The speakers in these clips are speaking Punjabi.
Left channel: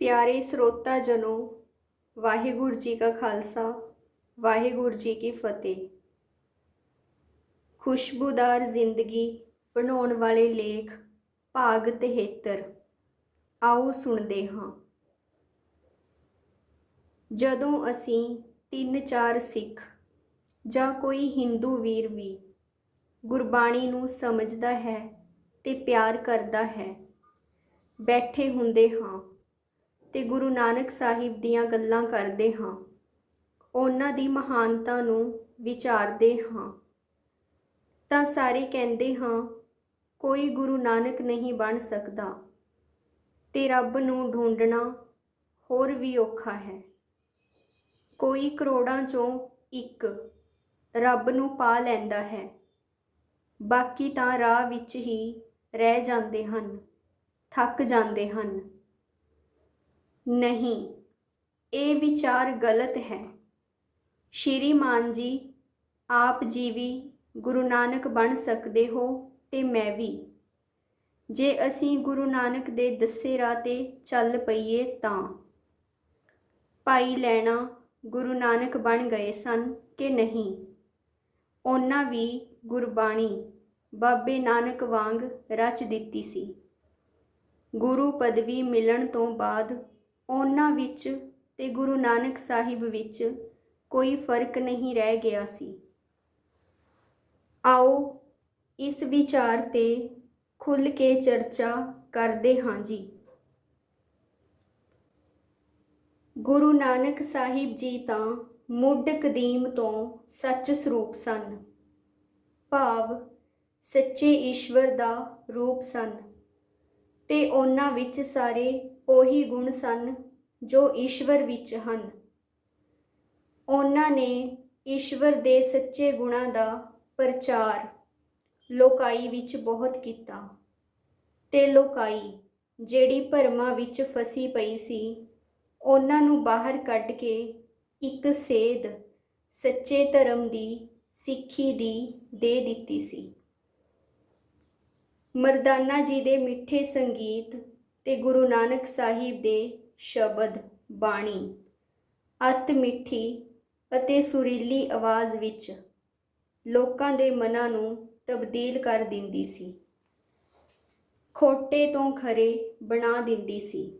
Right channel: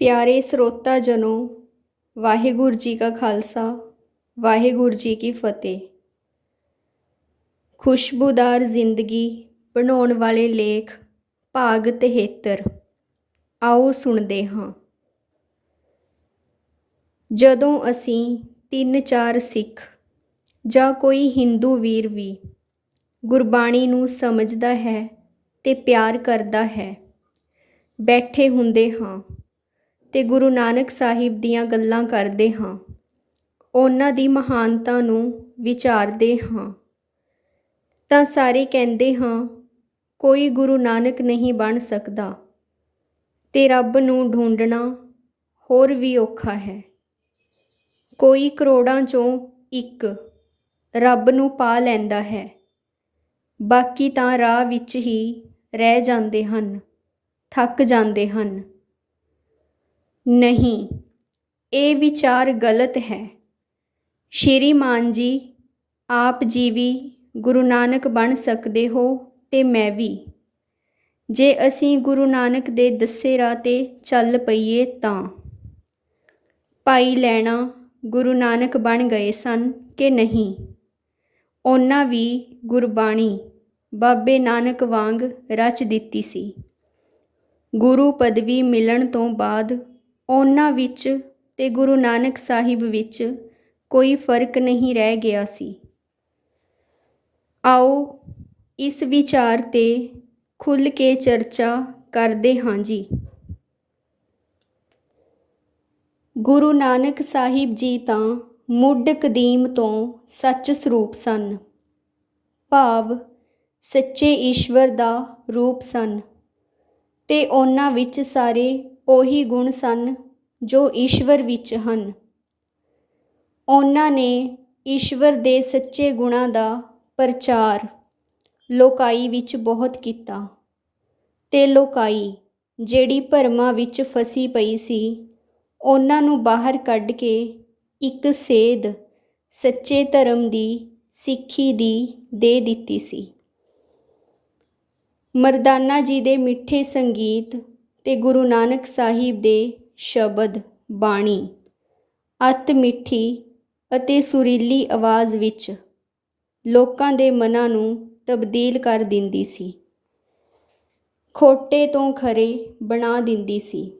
ਪਿਆਰੇ ਸਰੋਤਾ ਜਨੋ, ਵਾਹਿਗੁਰੂ ਜੀ ਕਾ ਖਾਲਸਾ, ਵਾਹਿਗੁਰੂ ਜੀ ਕੀ ਫਤਿਹ। ਖੁਸ਼ਬੂਦਾਰ ਜ਼ਿੰਦਗੀ ਬਣਾਉਣ ਵਾਲੇ ਲੇਖ ਭਾਗ 73 ਆਓ ਸੁਣਦੇ ਹਾਂ। ਜਦੋਂ ਅਸੀਂ ਤਿੰਨ ਚਾਰ ਸਿੱਖ ਜਾਂ ਕੋਈ ਹਿੰਦੂ ਵੀਰ ਵੀ ਗੁਰਬਾਣੀ ਨੂੰ ਸਮਝਦਾ ਹੈ ਤੇ ਪਿਆਰ ਕਰਦਾ ਹੈ, ਬੈਠੇ ਹੁੰਦੇ ਹਾਂ ਤੇ ਗੁਰੂ ਨਾਨਕ ਸਾਹਿਬ ਦੀਆਂ ਗੱਲਾਂ ਕਰਦੇ ਹਾਂ। ਉਹਨਾਂ ਦੀ ਮਹਾਨਤਾ ਨੂੰ ਵਿਚਾਰਦੇ ਹਾਂ। ਤਾਂ ਸਾਰੇ ਕਹਿੰਦੇ ਹਾਂ, ਕੋਈ ਗੁਰੂ ਨਾਨਕ ਨਹੀਂ ਬਣ ਸਕਦਾ। ਤੇ ਰੱਬ ਨੂੰ ਢੂੰਡਣਾ ਹੋਰ ਵੀ ਔਖਾ ਹੈ। ਕੋਈ ਕਰੋੜਾਂ ਚੋਂ ਇੱਕ ਰੱਬ ਨੂੰ ਪਾ ਲੈਂਦਾ ਹੈ। ਬਾਕੀ ਤਾਂ ਰਾਹ ਵਿੱਚ ਹੀ ਰਹਿ ਜਾਂਦੇ ਹਨ, ਥੱਕ ਜਾਂਦੇ ਹਨ। ਨਹੀਂ, ਇਹ ਵਿਚਾਰ ਗਲਤ ਹੈ। ਸ਼੍ਰੀਮਾਨ ਜੀ, ਆਪ ਜੀ ਵੀ ਗੁਰੂ ਨਾਨਕ ਬਣ ਸਕਦੇ ਹੋ ਤੇ ਮੈਂ ਵੀ। ਜੇ ਅਸੀਂ ਗੁਰੂ ਨਾਨਕ ਦੇ ਦੱਸੇ ਰਾਹ ਤੇ ਚੱਲ ਪਈਏ ਤਾਂ। ਭਾਈ ਲੈਣਾ ਗੁਰੂ ਨਾਨਕ ਬਣ ਗਏ ਸਨ ਕਿ ਨਹੀਂ? ਉਹਨਾਂ ਵੀ ਗੁਰਬਾਣੀ ਬਾਬੇ ਨਾਨਕ ਵਾਂਗ ਰਚ ਦਿੱਤੀ ਸੀ। ਗੁਰੂ ਪਦਵੀ ਮਿਲਣ ਤੋਂ ਬਾਅਦ ਉਹਨਾਂ ਵਿੱਚ ਤੇ ਗੁਰੂ ਨਾਨਕ ਸਾਹਿਬ ਵਿੱਚ ਕੋਈ ਫ਼ਰਕ ਨਹੀਂ ਰਹਿ ਗਿਆ ਸੀ। ਆਓ ਇਸ ਵਿਚਾਰ ਤੇ ਖੁੱਲ ਕੇ ਚਰਚਾ ਕਰਦੇ ਹਾਂ ਜੀ। ਗੁਰੂ ਨਾਨਕ ਸਾਹਿਬ ਜੀ ਤਾਂ ਮੁੱਢ ਕਦੀਮ ਤੋਂ ਸੱਚ ਸਰੂਪ ਸਨ। ਭਾਵ ਸੱਚੇ ਈਸ਼ਵਰ ਦਾ ਰੂਪ ਸਨ ਤੇ ਉਹਨਾਂ ਵਿੱਚ ਸਾਰੇ ਉਹੀ ਗੁਣ ਸਨ ਜੋ ਈਸ਼ਵਰ ਵਿੱਚ ਹਨ। ਉਹਨਾਂ ਨੇ ਈਸ਼ਵਰ ਦੇ ਸੱਚੇ ਗੁਣਾਂ ਦਾ ਪ੍ਰਚਾਰ ਲੋਕਾਈ ਵਿੱਚ ਬਹੁਤ ਕੀਤਾ ਤੇ ਲੋਕਾਈ ਜਿਹੜੀ ਭਰਮਾਂ ਵਿੱਚ ਫਸੀ ਪਈ ਸੀ, ਉਹਨਾਂ ਨੂੰ ਬਾਹਰ ਕੱਢ ਕੇ ਇੱਕ ਸੇਧ ਸੱਚੇ ਧਰਮ ਦੀ ਸਿੱਖੀ ਦੀ ਦੇ ਦਿੱਤੀ ਸੀ। ਮਰਦਾਨਾ ਜੀ ਦੇ ਮਿੱਠੇ ਸੰਗੀਤ ਤੇ ਗੁਰੂ ਨਾਨਕ ਸਾਹਿਬ ਦੇ ਸ਼ਬਦ ਬਾਣੀ। ਅਤ ਮਿੱਠੀ ਅਤੇ ਸੁਰੀਲੀ ਆਵਾਜ਼ ਵਿੱਚ ਲੋਕਾਂ ਦੇ ਮਨਾਂ ਨੂੰ ਤਬਦੀਲ ਕਰ ਦਿੰਦੀ ਸੀ। ਖੋਟੇ ਤੋਂ ਖਰੇ ਬਣਾ ਦਿੰਦੀ ਸੀ।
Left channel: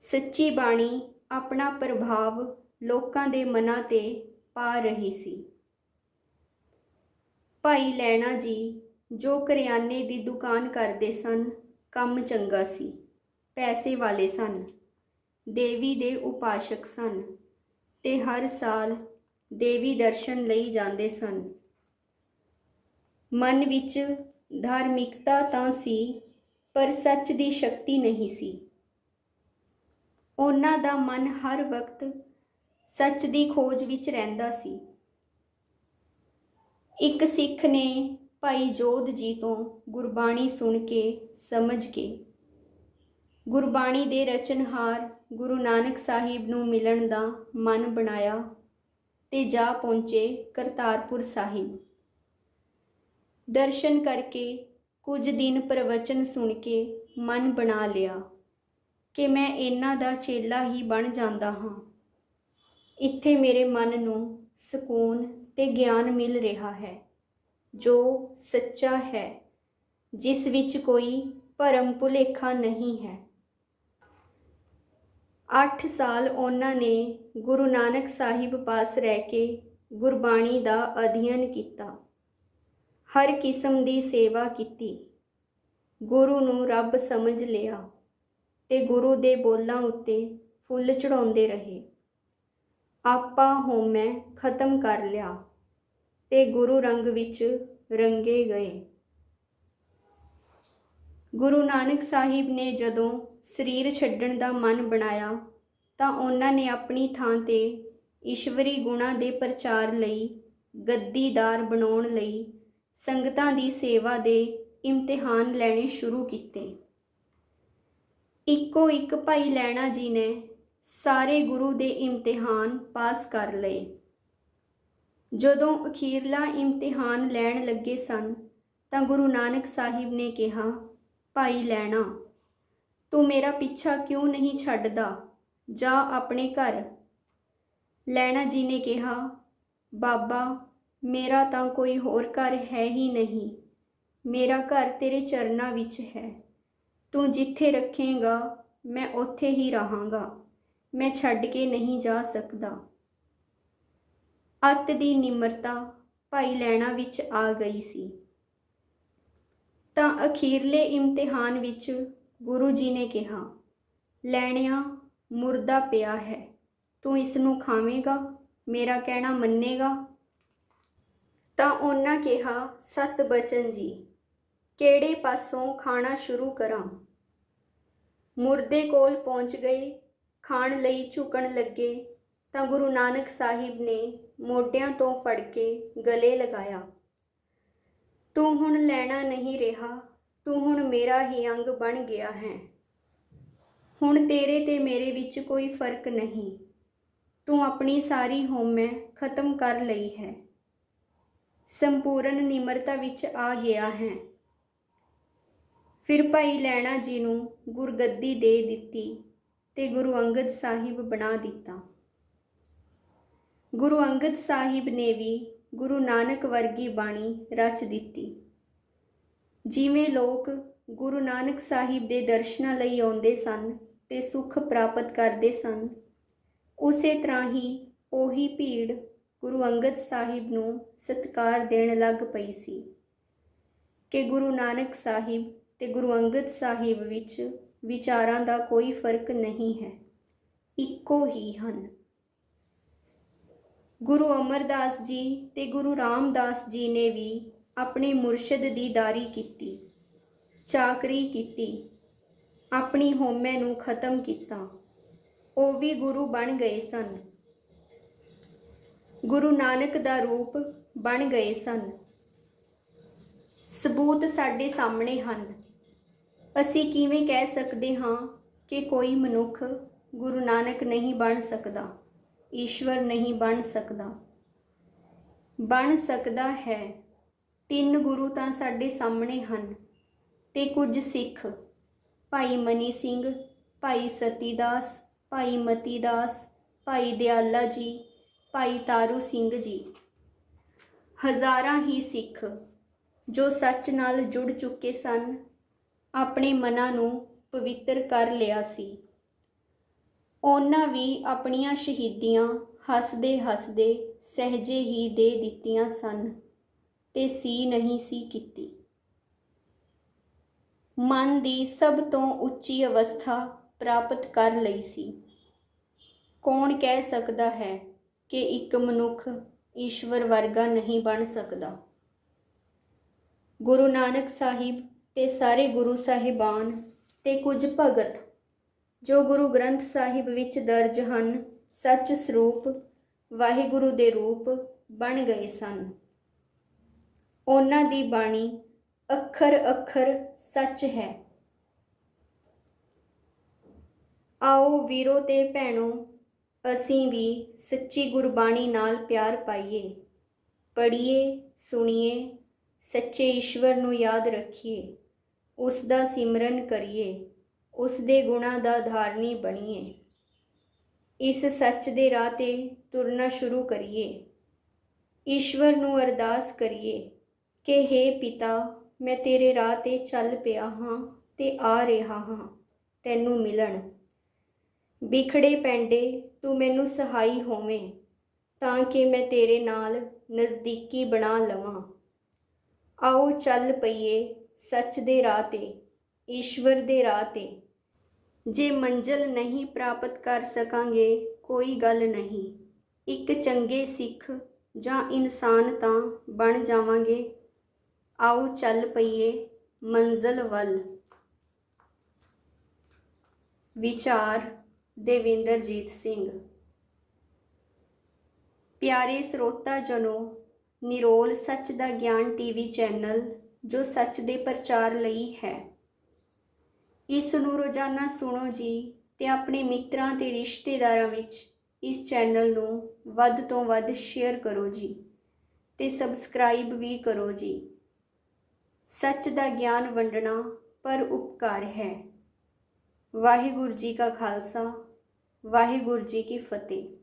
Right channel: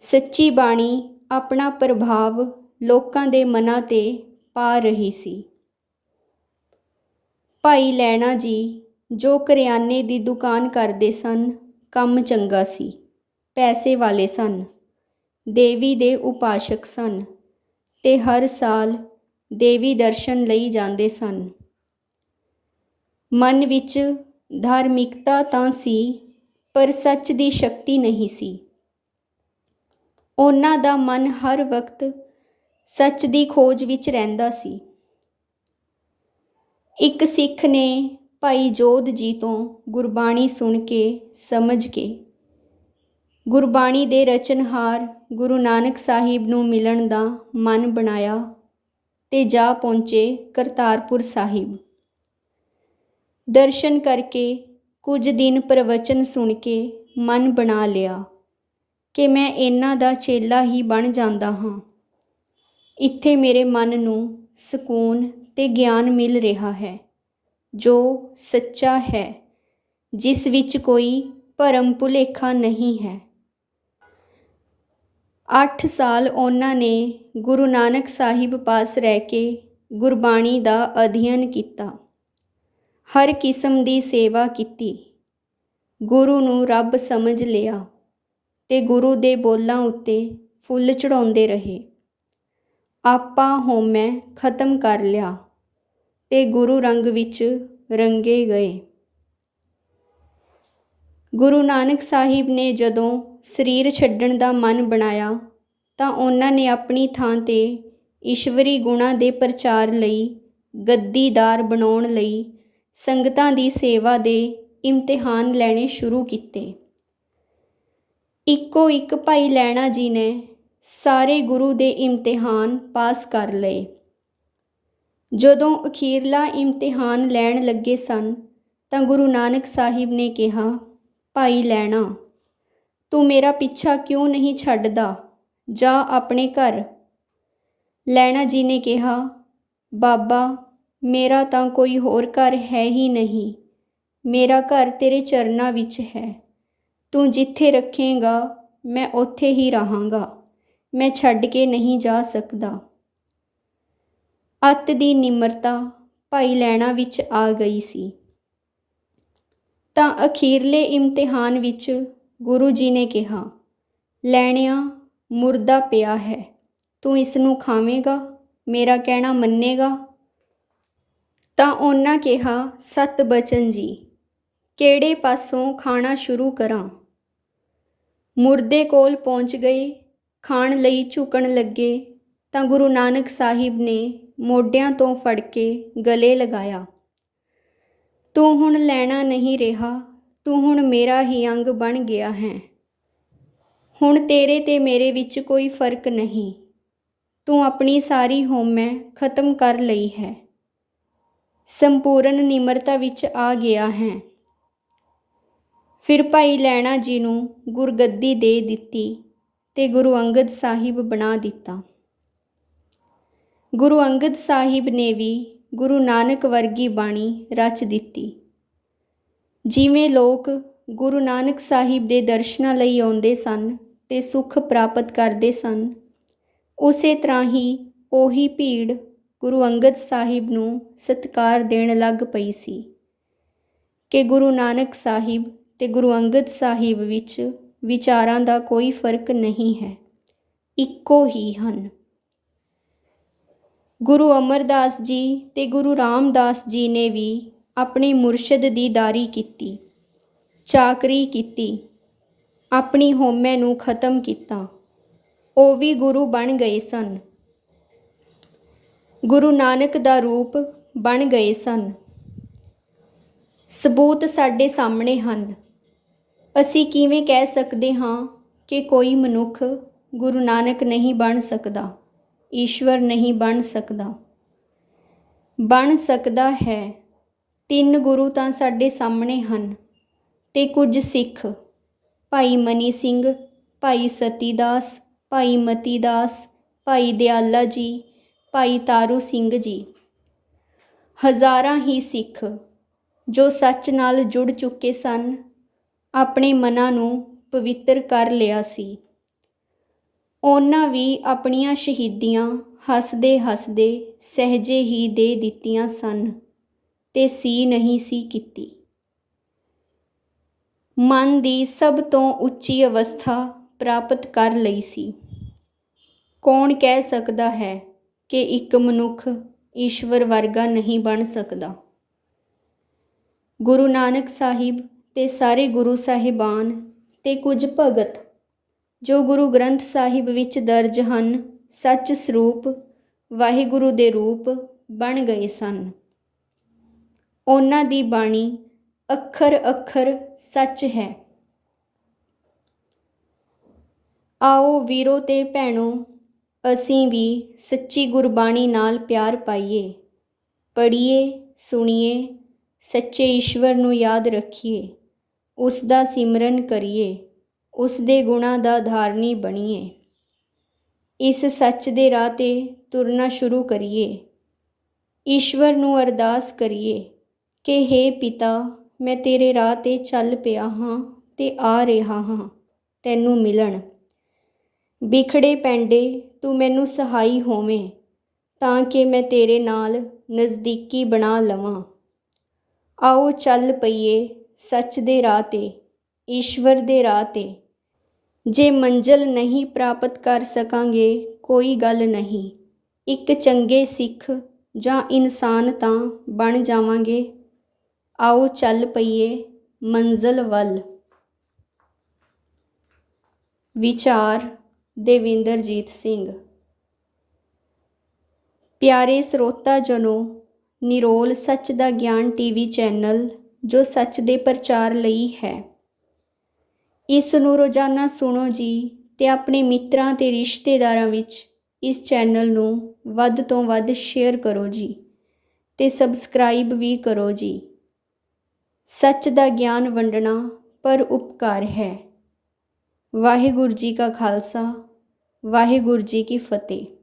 ਸੱਚੀ ਬਾਣੀ ਆਪਣਾ ਪ੍ਰਭਾਵ ਲੋਕਾਂ ਦੇ ਮਨਾਂ ਤੇ ਪਾ ਰਹੀ ਸੀ। ਭਾਈ ਲੈਣਾ ਜੀ ਜੋ ਕਰਿਆਨੇ ਦੀ ਦੁਕਾਨ ਕਰਦੇ ਸਨ ਕੰਮ ਚੰਗਾ ਸੀ, ਪੈਸੇ ਵਾਲੇ ਸਨ, ਦੇਵੀ ਦੇ ਉਪਾਸ਼ਕ ਸਨ ਤੇ ਹਰ ਸਾਲ ਦੇਵੀ ਦਰਸ਼ਨ ਲਈ ਜਾਂਦੇ ਸਨ। ਮਨ ਵਿੱਚ ਧਾਰਮਿਕਤਾ ਤਾਂ ਸੀ, ਪਰ ਸੱਚ ਦੀ ਸ਼ਕਤੀ ਨਹੀਂ ਸੀ। ਉਹਨਾਂ ਦਾ ਮਨ ਹਰ ਵਕਤ ਸੱਚ ਦੀ ਖੋਜ ਵਿੱਚ ਰਹਿੰਦਾ ਸੀ। ਇੱਕ ਸਿੱਖ ਨੇ ਭਾਈ ਜੋਧ ਜੀ ਤੋਂ ਗੁਰਬਾਣੀ ਸੁਣ ਕੇ, ਸਮਝ ਕੇ। ਗੁਰਬਾਣੀ ਦੇ ਰਚਨਹਾਰ ਗੁਰੂ ਨਾਨਕ ਸਾਹਿਬ ਨੂੰ ਮਿਲਣ ਦਾ ਮਨ ਬਣਾਇਆ ਤੇ ਜਾ ਪਹੁੰਚੇ ਕਰਤਾਰਪੁਰ ਸਾਹਿਬ। ਦਰਸ਼ਨ ਕਰਕੇ ਕੁਝ ਦਿਨ ਪ੍ਰਵਚਨ ਸੁਣ ਕੇ ਮਨ ਬਣਾ ਲਿਆ ਕਿ ਮੈਂ ਇਹਨਾਂ ਦਾ ਚੇਲਾ ਹੀ ਬਣ ਜਾਂਦਾ ਹਾਂ। ਇੱਥੇ ਮੇਰੇ ਮਨ ਨੂੰ ਸਕੂਨ ਤੇ ਗਿਆਨ ਮਿਲ ਰਿਹਾ ਹੈ। ਜੋ ਸੱਚਾ ਹੈ, ਜਿਸ ਵਿੱਚ ਕੋਈ ਭਰਮ ਭੁਲੇਖਾ ਨਹੀਂ ਹੈ। 8 ਸਾਲ ਉਹਨਾਂ ਨੇ ਗੁਰੂ ਨਾਨਕ ਸਾਹਿਬ ਪਾਸ ਰਹਿ ਕੇ ਗੁਰਬਾਣੀ ਦਾ ਅਧਿਐਨ ਕੀਤਾ। ਹਰ ਕਿਸਮ ਦੀ ਸੇਵਾ ਕੀਤੀ। ਗੁਰੂ ਨੂੰ ਰੱਬ ਸਮਝ ਲਿਆ ਤੇ ਗੁਰੂ ਦੇ ਬੋਲਾਂ ਉੱਤੇ ਫੁੱਲ ਚੜਾਉਂਦੇ ਰਹੇ। ਆਪਾ ਹੋਮੈ ਖਤਮ ਕਰ ਲਿਆ। ਤੇ ਗੁਰੂ ਰੰਗ ਵਿੱਚ ਰੰਗੇ ਗਏ। ਗੁਰੂ ਨਾਨਕ ਸਾਹਿਬ ਨੇ ਜਦੋਂ ਸਰੀਰ ਛੱਡਣ ਦਾ ਮਨ ਬਣਾਇਆ, ਤਾਂ ਉਹਨਾਂ ਨੇ ਆਪਣੀ ਥਾਂ ਤੇ ਈਸ਼ਵਰੀ ਗੁਣਾਂ ਦੇ ਪ੍ਰਚਾਰ ਲਈ ਗੱਦੀਦਾਰ ਬਣਾਉਣ ਲਈ ਸੰਗਤਾਂ ਦੀ ਸੇਵਾ ਦੇ ਇਮਤਿਹਾਨ ਲੈਣੇ ਸ਼ੁਰੂ ਕੀਤੇ। ਇੱਕੋ ਇੱਕ ਭਾਈ ਲੈਣਾ ਜੀ ਨੇ ਸਾਰੇ ਗੁਰੂ ਦੇ ਇਮਤਿਹਾਨ ਪਾਸ ਕਰ ਲਏ। ਜਦੋਂ ਅਖੀਰਲਾ ਇਮਤਿਹਾਨ ਲੈਣ ਲੱਗੇ ਸਨ, ਤਾਂ ਗੁਰੂ ਨਾਨਕ ਸਾਹਿਬ ਨੇ ਕਿਹਾ, ਭਾਈ ਲੈਣਾ, ਤੂੰ ਮੇਰਾ ਪਿੱਛਾ ਕਿਉਂ ਨਹੀਂ ਛੱਡਦਾ? ਜਾ ਆਪਣੇ ਘਰ। ਲੈਣਾ ਜੀ ਨੇ ਕਿਹਾ, ਬਾਬਾ, ਮੇਰਾ ਤਾਂ ਕੋਈ ਹੋਰ ਘਰ ਹੈ ਹੀ ਨਹੀਂ। ਮੇਰਾ ਘਰ ਤੇਰੇ ਚਰਨਾਂ ਵਿੱਚ ਹੈ। ਤੂੰ ਜਿੱਥੇ ਰੱਖੇਗਾ, ਮੈਂ ਉੱਥੇ ਹੀ ਰਹਾਂਗਾ। ਮੈਂ ਛੱਡ ਕੇ ਨਹੀਂ ਜਾ ਸਕਦਾ। ਅੱਤ ਦੀ ਨਿਮਰਤਾ ਭਾਈ ਲੈਣਾ ਵਿੱਚ ਆ ਗਈ ਸੀ। ਤਾਂ ਅਖੀਰਲੇ ਇਮਤਿਹਾਨ ਵਿੱਚ ਗੁਰੂ ਜੀ ਨੇ ਕਿਹਾ, ਲੈਣਿਆ, ਮੁਰਦਾ ਪਿਆ ਹੈ। ਤੂੰ ਇਸ ਨੂੰ ਖਾਵੇਂਗਾ, ਮੇਰਾ ਕਹਿਣਾ ਮੰਨੇਗਾ? ਤਾਂ ਉਹਨਾਂ ਕਿਹਾ, ਸਤ ਬਚਨ ਜੀ, ਕਿਹੜੇ ਪਾਸੋਂ ਖਾਣਾ ਸ਼ੁਰੂ ਕਰਾਂ? ਮੁਰਦੇ ਕੋਲ ਪਹੁੰਚ ਗਏ, ਖਾਣ ਲਈ ਝੁਕਣ ਲੱਗੇ। ਤਾਂ ਗੁਰੂ ਨਾਨਕ ਸਾਹਿਬ ਨੇ ਮੋਢਿਆਂ ਤੋਂ ਫੜ ਕੇ ਗਲੇ ਲਗਾਇਆ, ਤੂੰ ਹੁਣ ਲੈਣਾ ਨਹੀਂ ਰਿਹਾ, ਤੂੰ ਹੁਣ ਮੇਰਾ ਹੀ ਅੰਗ ਬਣ ਗਿਆ ਹੈ। ਹੁਣ ਤੇਰੇ ਤੇ ਮੇਰੇ ਵਿੱਚ ਕੋਈ ਫ਼ਰਕ ਨਹੀਂ। ਤੂੰ ਆਪਣੀ ਸਾਰੀ ਹੋਮੈ ਖਤਮ ਕਰ ਲਈ ਹੈ। ਸੰਪੂਰਨ ਨਿਮਰਤਾ ਵਿੱਚ ਆ ਗਿਆ ਹੈ। ਫਿਰ ਭਾਈ ਲੈਣਾ ਜੀ ਨੂੰ ਗੁਰਗੱਦੀ ਦੇ ਦਿੱਤੀ ਤੇ ਗੁਰੂ ਅੰਗਦ ਸਾਹਿਬ ਬਣਾ ਦਿੱਤਾ। ਗੁਰੂ ਅੰਗਦ ਸਾਹਿਬ ਨੇ ਵੀ ਗੁਰੂ ਨਾਨਕ ਵਰਗੀ ਬਾਣੀ ਰਚ ਦਿੱਤੀ। ਜਿਵੇਂ ਲੋਕ ਗੁਰੂ ਨਾਨਕ ਸਾਹਿਬ ਦੇ ਦਰਸ਼ਨਾਂ ਲਈ ਆਉਂਦੇ ਸਨ ਤੇ ਸੁੱਖ ਪ੍ਰਾਪਤ ਕਰਦੇ ਸਨ, ਉਸੇ ਤਰ੍ਹਾਂ ਹੀ ਉਹੀ ਭੀੜ ਗੁਰੂ ਅੰਗਦ ਸਾਹਿਬ ਨੂੰ ਸਤਕਾਰ ਦੇਣ ਲੱਗ ਪਈ ਸੀ ਕਿ ਗੁਰੂ ਨਾਨਕ ਸਾਹਿਬ ਤੇ ਗੁਰੂ ਅੰਗਦ ਸਾਹਿਬ ਵਿੱਚ ਵਿਚਾਰਾਂ ਦਾ ਕੋਈ ਫ਼ਰਕ ਨਹੀਂ ਹੈ, ਇੱਕੋ ਹੀ ਹਨ। ਗੁਰੂ ਅਮਰਦਾਸ ਜੀ ਅਤੇ ਗੁਰੂ ਰਾਮਦਾਸ ਜੀ ਨੇ ਵੀ ਆਪਣੇ ਮੁਰਸ਼ਿਦ ਦੀ ਦਾਰੀ ਕੀਤੀ, ਚਾਕਰੀ ਕੀਤੀ, ਆਪਣੀ ਹਉਮੈ ਨੂੰ ਖਤਮ ਕੀਤਾ। ਉਹ ਵੀ ਗੁਰੂ ਬਣ ਗਏ ਸਨ। ਗੁਰੂ ਨਾਨਕ ਦਾ ਰੂਪ ਬਣ ਗਏ ਸਨ। ਸਬੂਤ ਸਾਡੇ ਸਾਹਮਣੇ ਹਨ। ਅਸੀਂ ਕਿਵੇਂ ਕਹਿ ਸਕਦੇ ਹਾਂ ਕਿ ਕੋਈ ਮਨੁੱਖ ਗੁਰੂ ਨਾਨਕ ਨਹੀਂ ਬਣ ਸਕਦਾ? ਈਸ਼ਵਰ ਨਹੀਂ ਬਣ ਸਕਦਾ। ਬਣ ਸਕਦਾ ਹੈ। ਤਿੰਨ ਗੁਰੂ ਤਾਂ ਸਾਡੇ ਸਾਹਮਣੇ ਹਨ ਤੇ ਕੁਝ ਸਿੱਖ। ਭਾਈ ਮਨੀ ਸਿੰਘ, ਭਾਈ ਸਤੀਦਾਸ, ਭਾਈ ਮਤੀਦਾਸ, ਭਾਈ ਦਿਆਲਾ ਜੀ, ਭਾਈ ਤਾਰੂ ਸਿੰਘ ਜੀ। ਹਜ਼ਾਰਾਂ ਹੀ ਸਿੱਖ ਜੋ ਸੱਚ ਨਾਲ ਜੁੜ ਚੁੱਕੇ ਸਨ, ਆਪਣੇ ਮਨਾਂ ਨੂੰ ਪਵਿੱਤਰ ਕਰ ਲਿਆ ਸੀ। ਉਹਨਾਂ ਵੀ ਆਪਣੀਆਂ ਸ਼ਹੀਦੀਆਂ ਹੱਸਦੇ ਹੱਸਦੇ ਸਹਿਜੇ ਹੀ ਦੇ ਦਿੱਤੀਆਂ ਸਨ ਤੇ ਸੀ ਨਹੀਂ ਸੀ ਕੀਤੀ। ਮਨ ਦੀ ਸਭ ਤੋਂ ਉੱਚੀ ਅਵਸਥਾ ਪ੍ਰਾਪਤ ਕਰ ਲਈ ਸੀ। ਕੌਣ ਕਹਿ ਸਕਦਾ ਹੈ ਕਿ ਇੱਕ ਮਨੁੱਖ ਈਸ਼ਵਰ ਵਰਗਾ ਨਹੀਂ ਬਣ ਸਕਦਾ? ਗੁਰੂ ਨਾਨਕ ਸਾਹਿਬ ਤੇ ਸਾਰੇ ਗੁਰੂ ਸਾਹਿਬਾਨ ਤੇ ਕੁਝ ਭਗਤ ਜੋ ਗੁਰੂ ਗ੍ਰੰਥ ਸਾਹਿਬ ਵਿੱਚ ਦਰਜ ਹਨ, ਸੱਚ ਸਰੂਪ, ਵਾਹਿਗੁਰੂ ਦੇ ਰੂਪ ਬਣ ਗਏ ਸਨ। ਉਹਨਾਂ ਦੀ ਬਾਣੀ ਅੱਖਰ ਅੱਖਰ ਸੱਚ ਹੈ। ਆਓ ਵੀਰੋ ਤੇ ਭੈਣੋ, ਅਸੀਂ ਵੀ ਸੱਚੀ ਗੁਰਬਾਣੀ ਨਾਲ ਪਿਆਰ ਪਾਈਏ। ਪੜ੍ਹੀਏ, ਸੁਣੀਏ, ਸੱਚੇ ਈਸ਼ਵਰ ਨੂੰ ਯਾਦ ਰੱਖੀਏ। ਉਸ ਦਾ ਸਿਮਰਨ ਕਰੀਏ। ਉਸ ਦੇ ਗੁਣਾਂ ਦਾ ਧਾਰਨੀ ਬਣੀਏ। ਇਸ ਸੱਚ ਦੇ ਰਾਹ ਤੇ ਤੁਰਨਾ ਸ਼ੁਰੂ ਕਰੀਏ। ਈਸ਼ਵਰ ਨੂੰ ਅਰਦਾਸ ਕਰੀਏ ਕਿ हे ਪਿਤਾ, ਮੈਂ ਤੇਰੇ ਰਾਹ ਤੇ ਚੱਲ ਪਿਆ ਹਾਂ ਤੇ ਆ ਰਿਹਾ ਹਾਂ, ਤੈਨੂੰ ਮਿਲਣ। ਵਿਖੜੇ ਪੈਂਡੇ, ਤੂੰ ਮੈਨੂੰ ਸਹਾਈ ਹੋਵੇਂ ਤਾਂ ਕਿ ਮੈਂ ਤੇਰੇ ਨਾਲ ਨਜ਼ਦੀਕੀ ਬਣਾ ਲਵਾਂ। ਆਓ ਚੱਲ ਪਈਏ ਸੱਚ ਦੇ ਰਾਹ ਤੇ, ਈਸ਼ਵਰ ਦੇ ਰਾਹ ਤੇ। ਜੇ ਮੰਜ਼ਲ ਨਹੀਂ ਪ੍ਰਾਪਤ ਕਰ ਸਕਾਂਗੇ, ਕੋਈ ਗੱਲ ਨਹੀਂ। ਇੱਕ ਚੰਗੇ ਸਿੱਖ ਜਾਂ ਇਨਸਾਨ ਤਾਂ ਬਣ ਜਾਵਾਂਗੇ। ਆਓ ਚੱਲ ਪਈਏ ਮੰਜ਼ਲ ਵੱਲ। ਵਿਚਾਰ ਦੇਵਿੰਦਰਜੀਤ ਸਿੰਘ। ਪਿਆਰੇ ਸਰੋਤਾ ਜਨੋ, ਨਿਰੋਲ ਸੱਚ ਦਾ ਗਿਆਨ ਟੀਵੀ ਚੈਨਲ ਜੋ ਸੱਚ ਦੇ ਪ੍ਰਚਾਰ ਲਈ ਹੈ। ਇਸ ਨੂੰ ਰੋਜ਼ਾਨਾ ਸੁਣੋ ਜੀ ਤੇ ਆਪਣੇ ਮਿੱਤਰਾਂ ਤੇ ਰਿਸ਼ਤੇਦਾਰਾਂ ਵਿੱਚ ਇਸ ਚੈਨਲ ਨੂੰ ਵੱਧ ਤੋਂ ਵੱਧ ਸ਼ੇਅਰ ਕਰੋ ਜੀ ਤੇ ਸਬਸਕ੍ਰਾਈਬ ਵੀ ਕਰੋ ਜੀ। ਸੱਚ ਦਾ ਗਿਆਨ ਵੰਡਣਾ ਪਰ ਉਪਕਾਰ ਹੈ। ਵਾਹਿਗੁਰੂ ਜੀ ਕਾ ਖਾਲਸਾ, ਵਾਹਿਗੁਰੂ ਜੀ ਕੀ ਫਤਿਹ।